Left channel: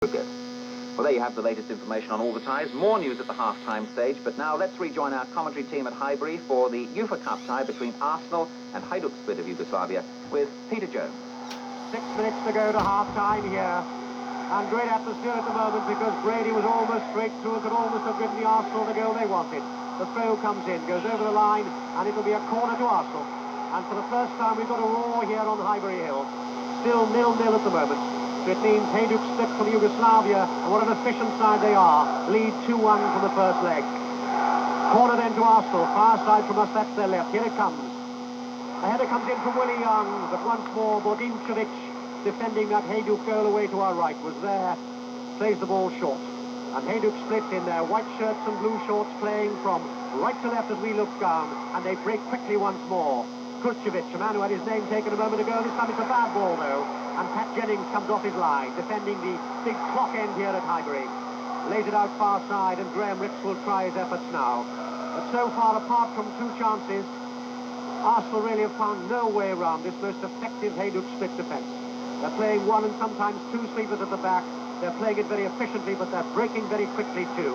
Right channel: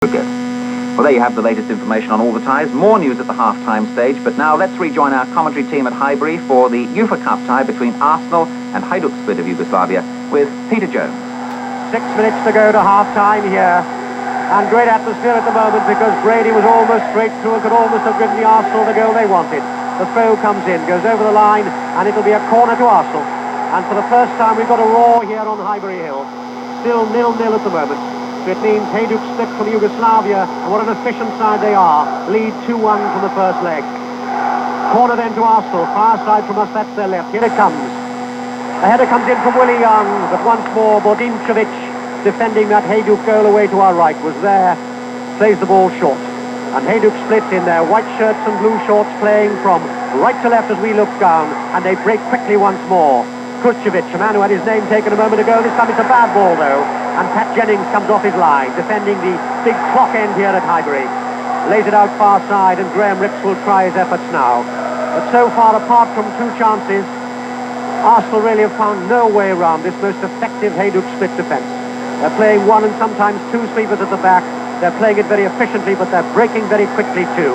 Good. Well, there you have the latest information on all the ties. More news at the half-time stage, but now let's rejoin our commentary team at Highbury for the UEFA Cup tie between Arsenal and Hadjuk Split of Yugoslavia with Peter Jones. 6 minutes to go to half-time here, and great atmosphere at the moment because Brady was almost straight through and could almost have given the Arsenal the goal they wanted. The throw comes in, goes over the line, and it'll be a corner to Arsenal. And for the first time, we've got a roar here on Highbury Hill. Still 0-0 at the moment. So it means Hadjuk Split from Yugoslavia, and what an efficient side they are, lead 2-1 from the first leg. Corner then to Arsenal, far side from us, that's their left. Here it comes. A header comes in from Willie Young, but once more Bodinčević, defending that Hadjuk goal away to our right, was there, plays the ball short. And Hadjuk Split in their white shirts and blue shorts, playing from right to left as we look down, and they break quickly once more. Kurcevic, a man who had his name taken a moment ago, this time it's a bad ball though. And Pat Jennings comes off his line, defending the big clock end here at Highbury. Lays it out far side, and Graham Rix will try his efforts now. But so far, apart from 2 chances, Arsenal really have found no way around this most effective Hadjuk Split defence. They're playing 1 and sometimes 2 sweepers at the back. They're playing it very efficiently, but they're breaking very quickly too.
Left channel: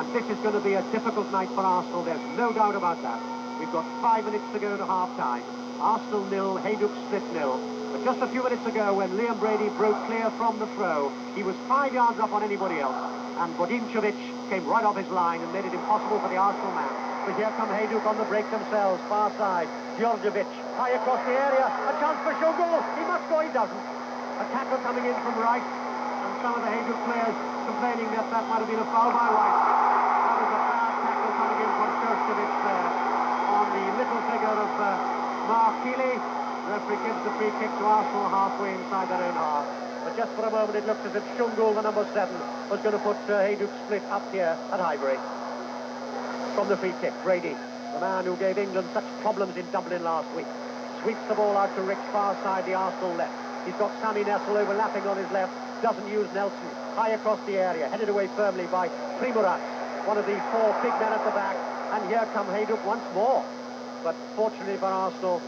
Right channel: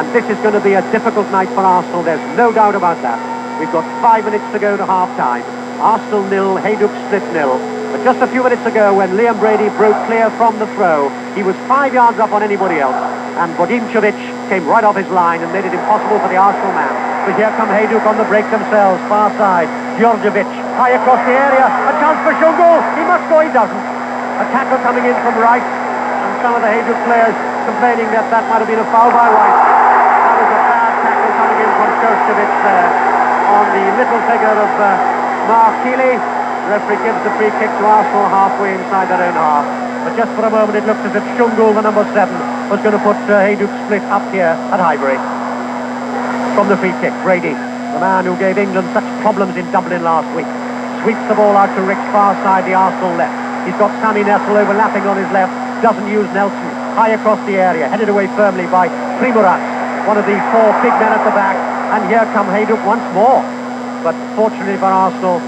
And this is going to be a difficult night for Arsenal, there's no doubt about that. We've got 5 minutes to go to half-time. Arsenal 0, Hadjuk Split 0. But just a few minutes ago, when Liam Brady broke clear from the throw, he was 5 yards up on anybody else. And Bodinčević came right off his line and made it impossible for the Arsenal man. But here come Hadjuk on the break themselves, far side. Djordjevic, high across the area. A chance for Şungul. He must go, he doesn't. A tackle coming in from Rice. And some of the Hadjuk players complaining that that might have been a foul by Rice. That was a bad tackle coming in from Djordjevic there on the little figure of Mark Keeley. The referee gives the free kick to Arsenal halfway inside their own half. But just for a moment it looked as if Şungul, the number 7, was going to put Hadjuk Split up here at Highbury. From the free kick, Brady, the man who gave England such problems in Dublin last week, sweeps the ball out to Rix, far side, the Arsenal left. He's got Sami Nessel overlapping on his left, doesn't use Nelson, high across the area, headed away firmly by Primorac, one of the 4 big men at the back. And here come Hadjuk once more. But fortunately for Arsenal,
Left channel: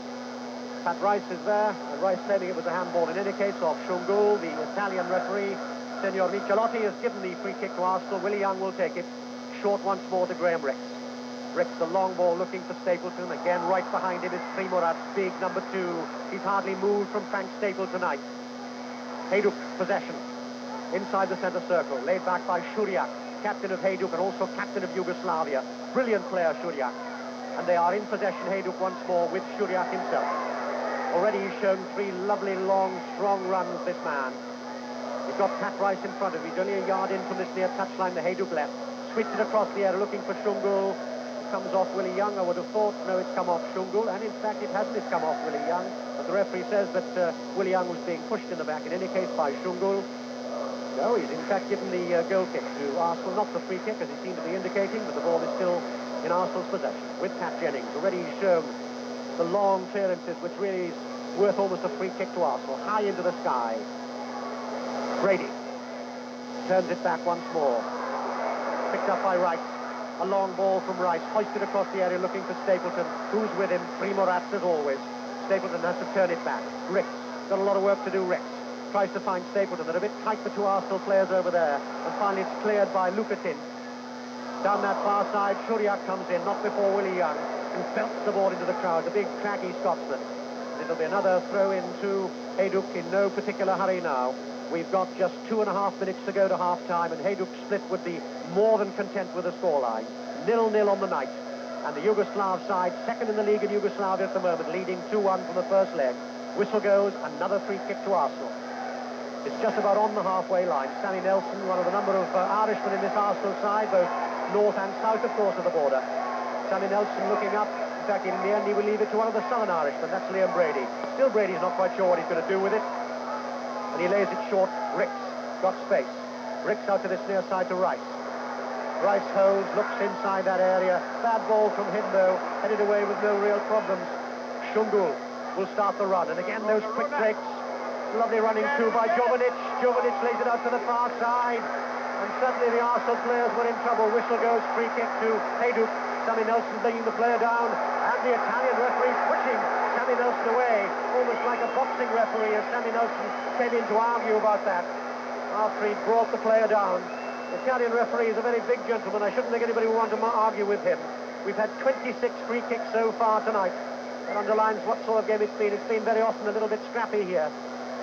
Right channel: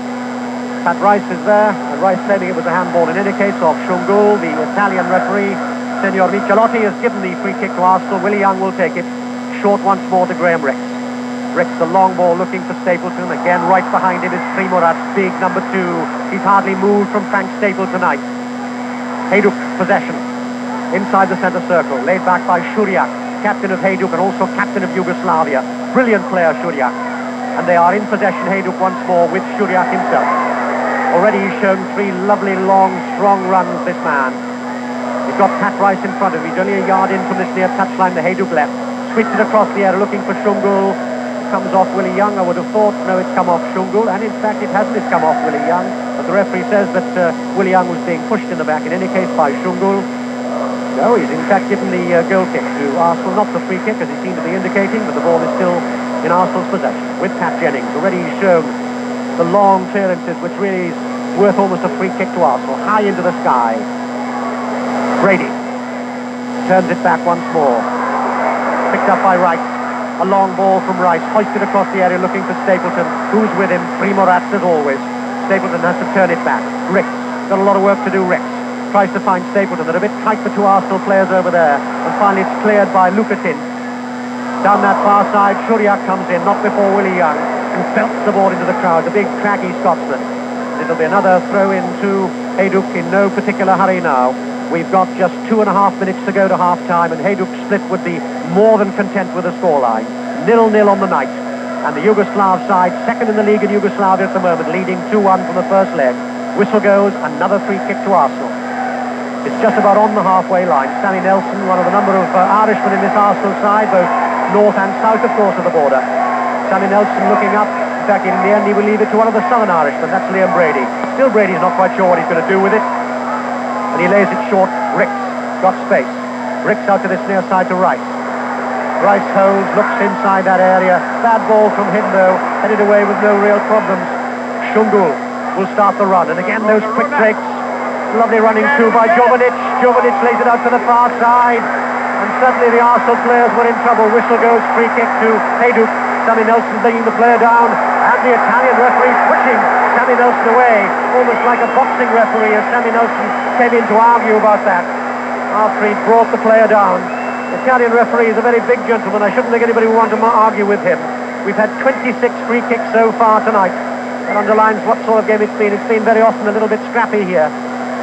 Pat Rice is there, and Rice claiming it was a handball in any case of Şungul. The Italian referee, Senor Michelotti, has given the free kick to Arsenal. Willie Young will take it. Short once more to Graham Rix. Rix, the long ball looking for Stapleton. Again, right behind him is Primorac, big number 2. He's hardly moved from Frank Staple tonight. Hadjuk possession. Inside the centre circle, laid back by Šuriak, captain of Hadjuk and also captain of Yugoslavia. Brilliant player, Šuriak. And they are in possession, Hadjuk once more, with Šuriak himself. Already he's shown 3 lovely, long, strong runs, this man. He's got Pat Rice in front of him. He's only a yard in from this near touchline, the Hadjuk left. Sweeps it across the air, looking for Şungul. It comes off Willie Young, I would have thought. No, it's come off Şungul, and in fact it hasn't. It's come off Willie Young. But the referee says that Willie Young was being pushed in the back, in any case, by Şungul. No, he's in fact given the goal kick to Arsenal, not the free kick, as he seemed to be indicating, but the ball is still in Arsenal's possession, with Pat Jennings. Already he's shown the long clearances, which really is worth almost a free kick to Arsenal, high into the sky. Brady turns it back once more. Picked up by Rice. A long ball from Rice, hoisted across the area, looking for Stapleton. Who's with him? Primorac, as always. Stapleton has to turn it back. Rix, got a lot of work to do, Rix. Tries to find Stapleton. They're a bit tight for 2 Arsenal players over there. And finally it's cleared by Lucatin. Down that far side, Šuriak comes in, not before Willie Young, who belts the ball into the crowd, the big craggy Scotsman. It'll be another throw in to Hadjuk in no particular hurry now. We've got just 2.5 minutes to go to half-time, and Hadjuk Split would be more than content with the scoreline. 0-0 on the night. And the Yugoslav side, second in the league in Yugoslavia at the moment, leading 2-1 from the first leg. Whistle goes, another free kick to Arsenal. It's just about on the halfway line. Sami Nelson, one of the number of Irishmen in this Arsenal side, both north and south, of course, of the border. Sami Nelson looking up. In fact, in the end, he will leave it to one of the southern Irishmen. That's Liam Brady. Still, Brady's not quite sure what he's going to do with it. And he lays it short. Rix got space. Rix out to this near side to Rice. Rice holds, looks inside that area. Bad ball from him, though. Headed away with no real problems. Şungul will start the run. And again, those quick breaks. Lovely running through by Jovanic. Jovanic lays it out to the far side. And suddenly the Arsenal players were in trouble. Whistle goes, free kick to Hadjuk. Sami Nelson bringing the player down. And the Italian referee switching Sami Nelson away. Almost like a boxing referee as Sami Nelson came in to argue about that. after he brought the player down. The Italian referee is a very big gentleman. I shouldn't think anybody would want to argue with him. We've had 26 free kicks so far tonight. That underlines what sort of game it's been. It's been very often a little bit scrappy here.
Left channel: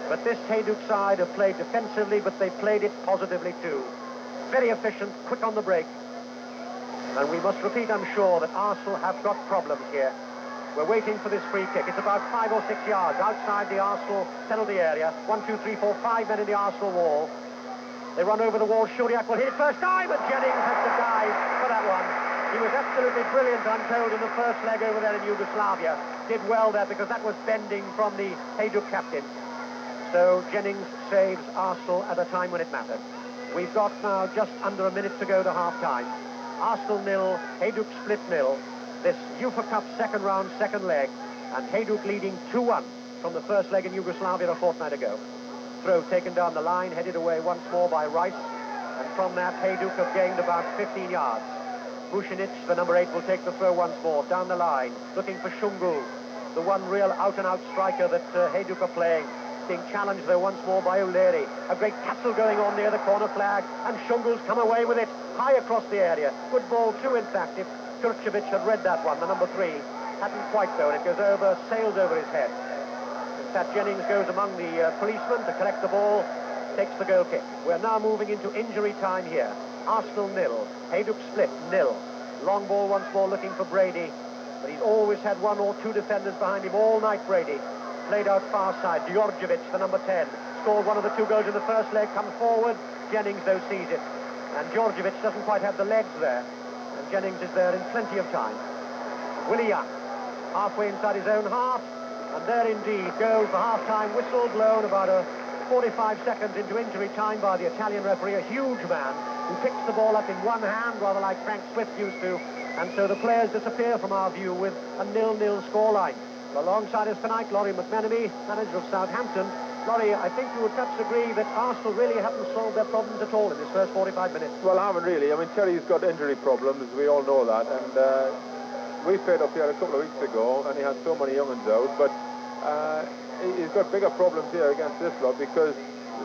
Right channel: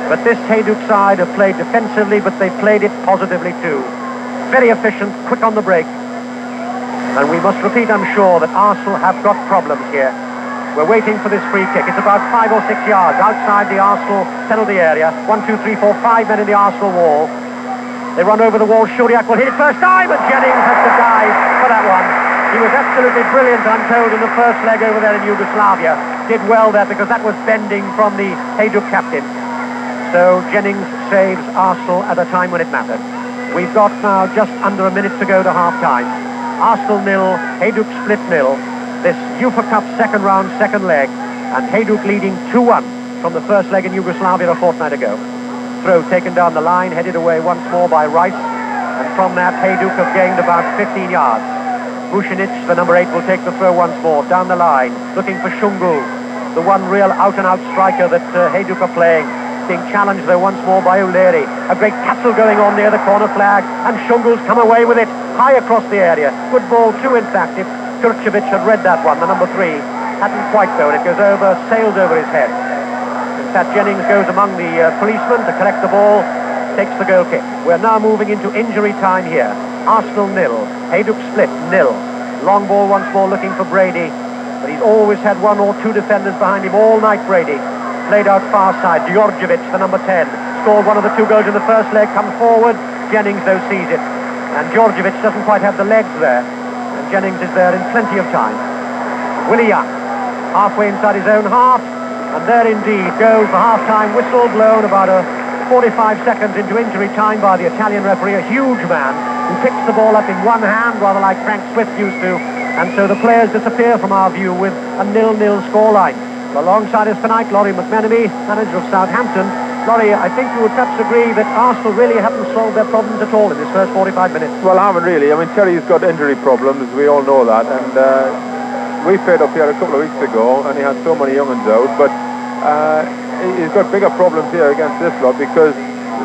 But this Hadjuk side have played defensively, but they've played it positively too. Very efficient, quick on the break. And we must repeat, I'm sure, that Arsenal have got problems here. We're waiting for this free kick. It's about 5 or 6 yards outside the Arsenal penalty area. 1, 2, 3, 4, 5 men in the Arsenal wall. They run over the wall. Shuriak will hit it first time, and Jennings has to dive for that one. He was absolutely brilliant, I'm told, in the first leg over there in Yugoslavia. Did well there because that was bending from the Hadjuk captain. So Jennings saves Arsenal at a time when it mattered. We've got now just under a minute to go to half-time. Arsenal 0, Hadjuk Split 0. This UEFA Cup second round, second leg, and Hadjuk leading 2-1 from the first leg in Yugoslavia a fortnight ago. Throw taken down the line, headed away once more by Rice, and from that Hadjuk have gained about 15 yards. Vucinic, the number 8, will take the throw once more, down the line, looking for Shungul, the one real out-and-out striker that Hadjuk are playing. Being challenged, though, once more by Uleri. A great tussle going on near the corner flag, and Shungul's come away with it, high across the area. Good ball, too, in fact, if Turcevic had read that one, the number 3. Hadn't quite, though, and it goes over, sails over his head. In fact, Jennings goes among the policemen to collect the ball, takes the goal kick. We're now moving into injury time here. Arsenal 0, Hadjuk Split 0. Long ball once more looking for Brady, but he's always had 1 or 2 defenders behind him all night, Brady. Played out far side. Djordjevic, the number 10, scored one of the 2 goals in the first leg, comes forward. Jennings, though, sees it. And Djordjevic doesn't quite have the legs there. And Jennings is there in plenty of time. Willie Young, halfway inside his own half. And there indeed goes the half-time whistle blown about 45 seconds into injury time by the Italian referee, a huge man who picks the ball up in one hand, rather like Frank Swift used to. And so the players disappear from our view with a 0-0 scoreline. Alongside us tonight, Laurie McMenemy, manager of Southampton. Laurie, I think you would perhaps agree that Arsenal really haven't solved their problems at all in this first 45 minutes. Well, I haven't really. I mean, Terry's got injury problems, we all know that, and we played up here a couple of weeks ago, and he had so many young ones out, but he's got bigger problems here against this lot because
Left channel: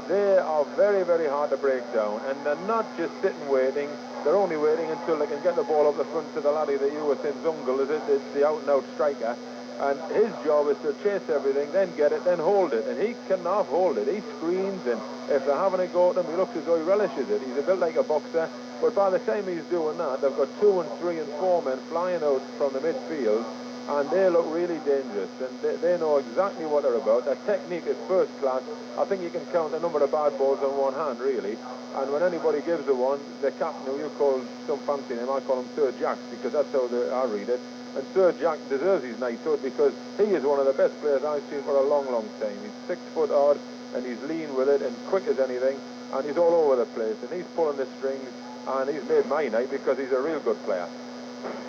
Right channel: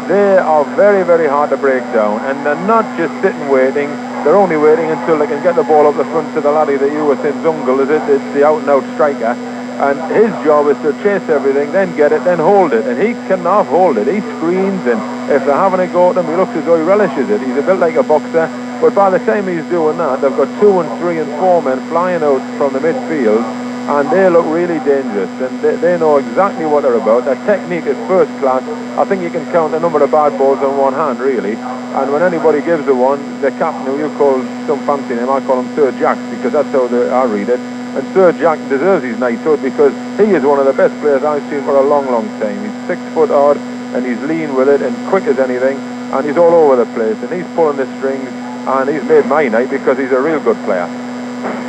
they are very, very hard to break down, and they're not just sitting waiting. They're only waiting until they can get the ball up the front to the laddie that you were saying, Zungul, is it? It's the out-and-out striker. And his job is to chase everything, then get it, then hold it. And he cannot hold it. He screens, and if they're having a go at him, he looks as though he relishes it. He's a bit like a boxer. But by the time he's doing that, they've got 2 and 3 and 4 men flying out from the midfield, and they look really dangerous. And they know exactly what they're about. Their technique is first class. I think you can count the number of bad balls on one hand, really. And when anybody gives the one, the captain, who you call some fancy name, I call him Sir Jack, because that's how I read it. And Sir Jack deserves his knighthood because he is one of the best players I've seen for a long, long time. He's 6 foot odd, and he's lean with it and quick as anything, and he's all over the place, and he's pulling the strings, and he's made my night because he's a real good player.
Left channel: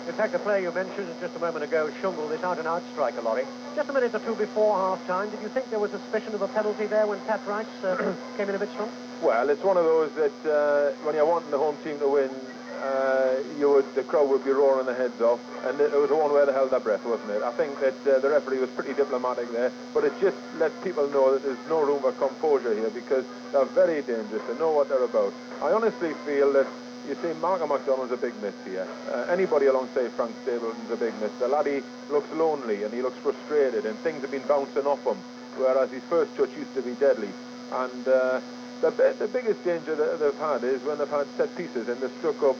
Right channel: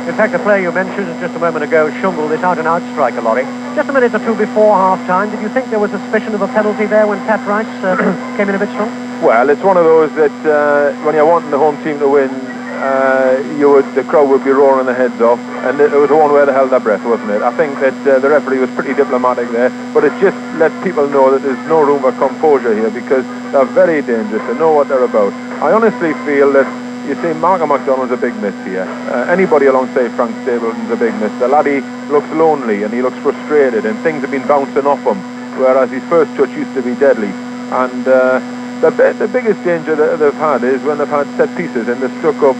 In fact, the player you mentioned just a moment ago, Shungul, this out-and-out striker, Laurie. Just a minute or 2 before half-time, did you think there was a suspicion of a penalty there when Pat Rice came in a bit strong? Well, it's one of those that when you're wanting the home team to win, the crowd would be roaring their heads off, and it was the one where they held their breath, wasn't it? I think that the referee was pretty diplomatic there, but it just let people know that there's no room for composure here because they're very dangerous. They know what they're about. I honestly feel that, you see, Malcolm McDonald's a big miss here. Anybody alongside Frank Stapleton's a big miss. The laddie looks lonely and he looks frustrated, and things have been bouncing off him, whereas his first touch used to be deadly. And the biggest danger that they've had is when they've had set pieces and they've stuck up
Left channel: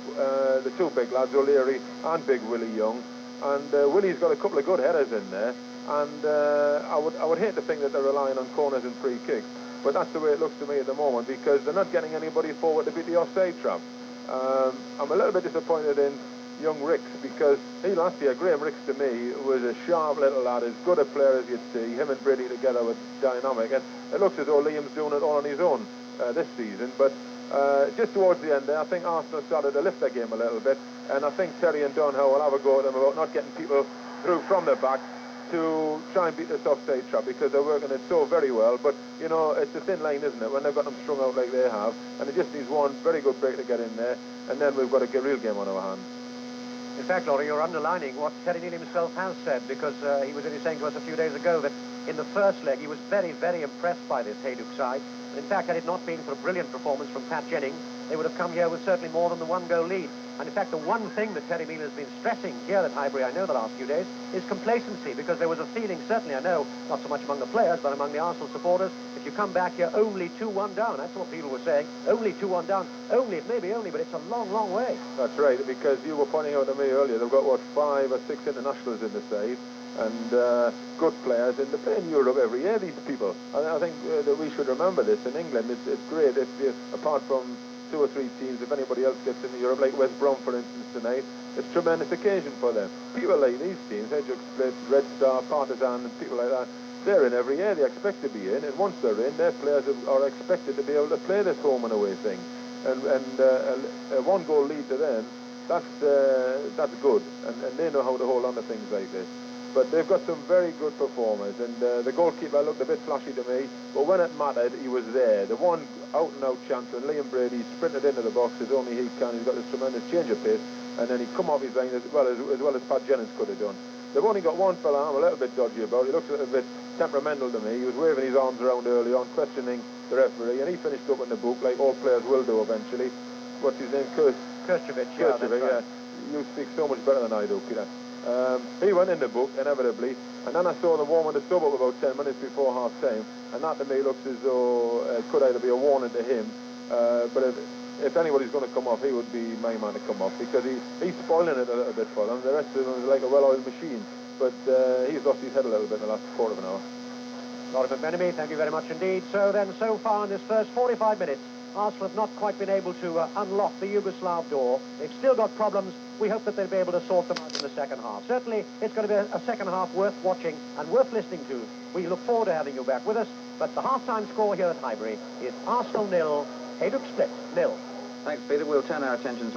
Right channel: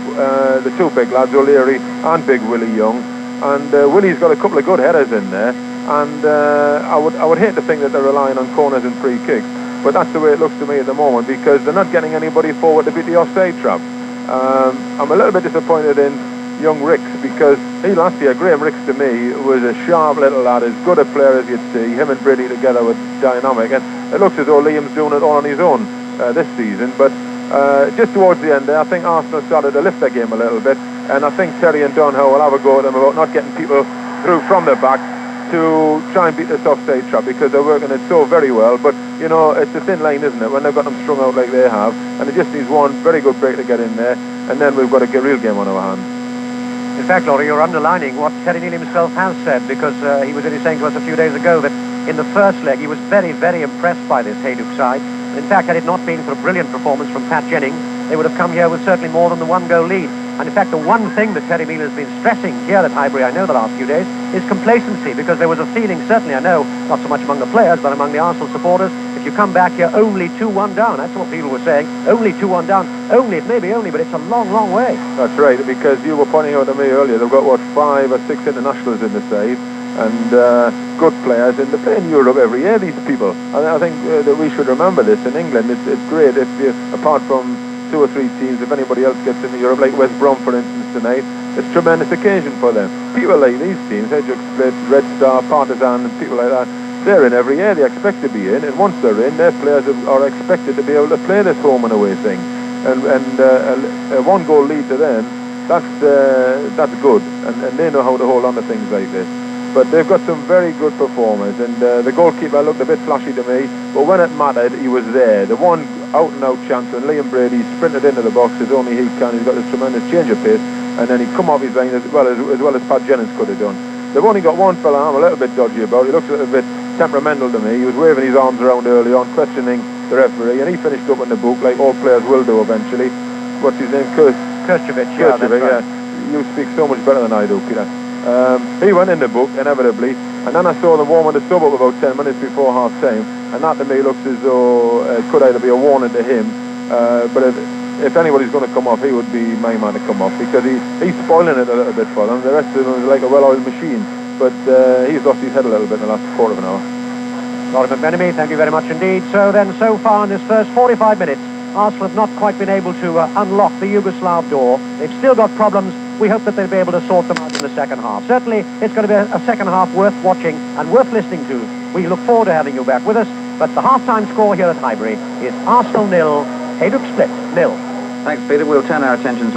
the 2 big lads, O'Leary and Big Willie Young. And Willie's got a couple of good headers in there. And I would hate to think that they're relying on corners and free kicks. But that's the way it looks to me at the moment because they're not getting anybody forward to beat the offside trap. I'm a little bit disappointed in young Ricks because he last year, Graham Ricks to me, was a sharp little lad, as good a player as you'd see. Him and Brady together were dynamic. And it looks as though Liam's doing it all on his own this season, but just towards the end there, I think Arsenal started to lift their game a little bit, and I think Terry and Dunhow will have a go at them about not getting people through from the back to try and beat this offside trap because they're working it so very well. But you know, it's a thin line, isn't it, when they've got them strung out like they have, and it just needs one very good break to get in there, and then we've got a real game on our hands. In fact, Laurie, you're underlining what Terry Neal himself has said, because he was only saying to us a few days ago that in the first leg he was very, very impressed by this Hadjuk side. In fact, had it not been for a brilliant performance from Pat Jennings, they would have come here with certainly more than the one-goal lead. And in fact, the one thing that Terry Meal has been stressing here at Highbury, I know, the last few days, is complacency, because there was a feeling, certainly, I know, not so much among the players, but among the Arsenal supporters, if you come back here only 2-1 down, that's what people were saying, only 2-1 down, only, it may be only, but it's a long, long way. That's right, because you were pointing out to me earlier, they've got, what, 5 or 6 internationals in the side, and good players, and they play in Europe every year, these people. And I think that we should remember this in England. It's great if you, apart from 2 or 3 teams, if anybody else gets into Europe, like West Brom, for instance, tonight, it's a tremendous occasion for them. People like these teams, Hadjuk Split, Red Star, Partizan, and people like that, they're in every year, they expect to be in, and once they're in, their players are expected to be able to play this home and away thing. And a one-goal lead to them, that's good, and they know how to hold on to things like this. But they've got some very good performers, and the goalkeeper looked a bit flashy to me, but when it mattered, he was there. The one out-and-out chance when Liam Brady sprinted into the box as only he can, he's got this tremendous change of pace, and then he come off his line as well as Pat Jennings could have done. They've only got one fella I'm a little bit dodgy about. He looks a little bit temperamental to me. He was waving his arms around early on, questioning the referee, and he finished up in the book like all players will do eventually. What's his name? Kirchhovic, yeah, that's right. Yeah. You speak so much better than I do, Peter. He went in the book, inevitably, and then I saw them warming the sub up about 10 minutes before half-time, and that to me looks as though it could either be a warning to him, but if anybody's going to come off, he would be my man to come off, because he's spoiling it a little bit for them. The rest of them is like a well-oiled machine, but he's lost his head a little bit in the last quarter of an hour. Laurie McMenemy, thank you very much indeed. So then, so far in this first 45 minutes, Arsenal have not quite been able to unlock the Yugoslav door. They've still got problems. We hope that they'll be able to sort them out in the second half. Certainly, it's going to be a second half worth watching and worth listening to. We look forward to having you back with us. But the half-time score here at Highbury is Arsenal 0, Hadjuk Split 0. Thanks, Peter. We'll turn our attentions